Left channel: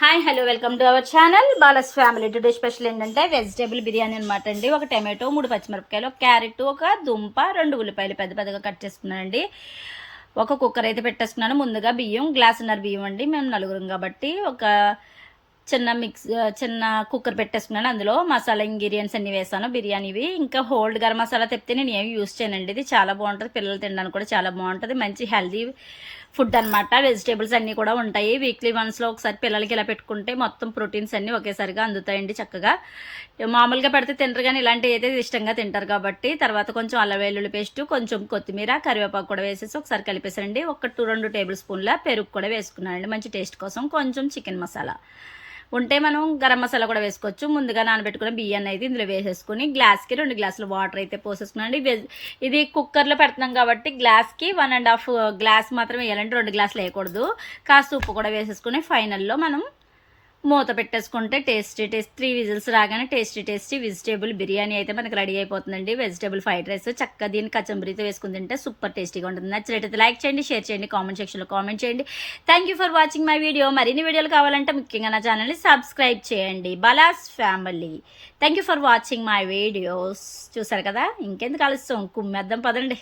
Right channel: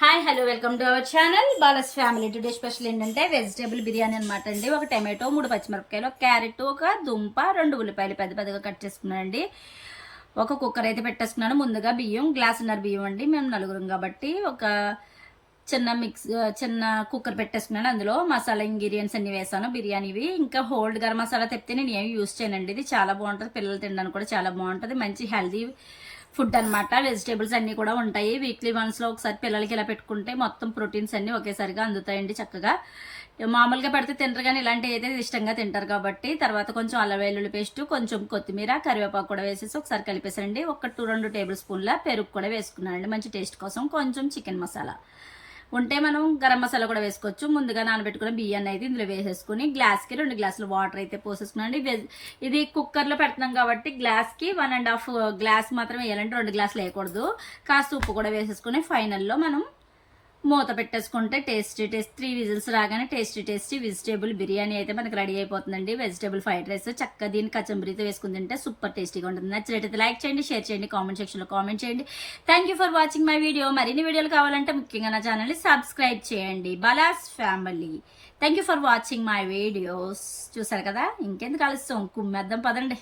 Hi hello welcome to our channel Bala's family. Today special ఏంటంటే vegetable biryani అనమాట అండి. ఒక టమాటో, 3 పచ్చిమిరపకాయలు, ఒక క్యారెట్, ఒక దుంప, 2 ఉల్లిపాయలు పెద్ద పెద్దగా కట్ చేసుకున్నానండి. ఒక కుక్కర్ అయితే పెట్టేసుకున్నాను. ముందుగా బియ్యం, గ్లాసున్నర బియ్యం అండి. మేము నలుగురం కాబట్టి ఒక చిన్న కుక్కర్ పెట్టేసుకున్నాను. అందులో మసాలా ఇంగ్రీడియంట్స్ అన్ని వేసాను బిర్యానీవి. ఇంకా హోల్డ్ గరం మసాలా తెప్పితే నేను ఏమి యూస్ చేయనండి. ఇది చాలా బాగుంటుంది, పిల్లలు తినడానికి కూడా చాలా బాగుంటుంది. మంచి హెల్దీ ఫుడ్ అనమాట. వెజిటేబుల్స్ అన్నీ కూడా ఉంటాయి. వీక్లీ వన్స్లో ఒకసారి పిల్లలకి ఇలా పెట్టుకుంటే మొత్తం ప్రోటీన్స్ అన్నీ ఒకేసారిగా అందుతాయండి చక్కగా. మామూలుగా పెడితే తింటారు కానీ ఇలాంటివి అయితే ఇష్టంగా తింటారు కాబట్టి. తర్వాత కొంచెం అల్లం వెల్లుల్లి పేస్ట్, కొంచెం కొత్తిమీర, కరివేపాకు కూడా వేసేసి ఒకసారి కలిపేసానండి. 2 టేబుల్ స్పూన్ల పెరుగు కూడా వేసుకున్నానండి మంచి టేస్ట్ కోసం. కొంచెం చికెన్ మసాలా ఉంటే మనం గరం మసాలా కూడా వేసుకోవచ్చు. ముందుగా నానబెట్టుకున్న బియ్యాన్ని అయితే ఇందులో వేసేసుకుని గ్లాస్కి 2 గ్లాసులు వాటర్ అయితే పోసేసుకున్నాండి. ఇది కుక్కర్లో పెడుతున్నాం కాబట్టి గ్లాస్కి 1.5 గ్లాస్ మాత్రం వేయాలంటే 2 గ్లాసులు వేయకూడదు. కాస్త ఉప్పు కూడా వేసేసుకుని ఫైనల్లో మనం మూత పెట్టేసుకుంటే టేస్టీ 3 విజిల్స్ రాగానే టేస్టీ వెజిటేబుల్ బిర్యానీ అయితే మనకి రెడీ అయిపోతుందండి. వెజిటేబుల్ ఫ్రైడ్ రైస్ చక్కగా దీన్ని కచంబరితో వేసుకుని తింటే సూపర్ టేస్టీగా ఉంటుంది. నచ్చినట్టయితే లైక్ చేయండి, షేర్ చేయండి, కామెంట్ సెక్షన్లో కామెంట్ చేయండి. Thank you for watching my video. మరిన్ని వీడియోలు కావాలంటే ముఖ్యంగా నా ఛానల్ని సబ్స్క్రైబ్ చేయండి. Bala's family. Thank you for watching my videos. చూసారు కదా, ఇంకెందుకు ఆలస్యం, కుమ్మేద్దాం పదండి.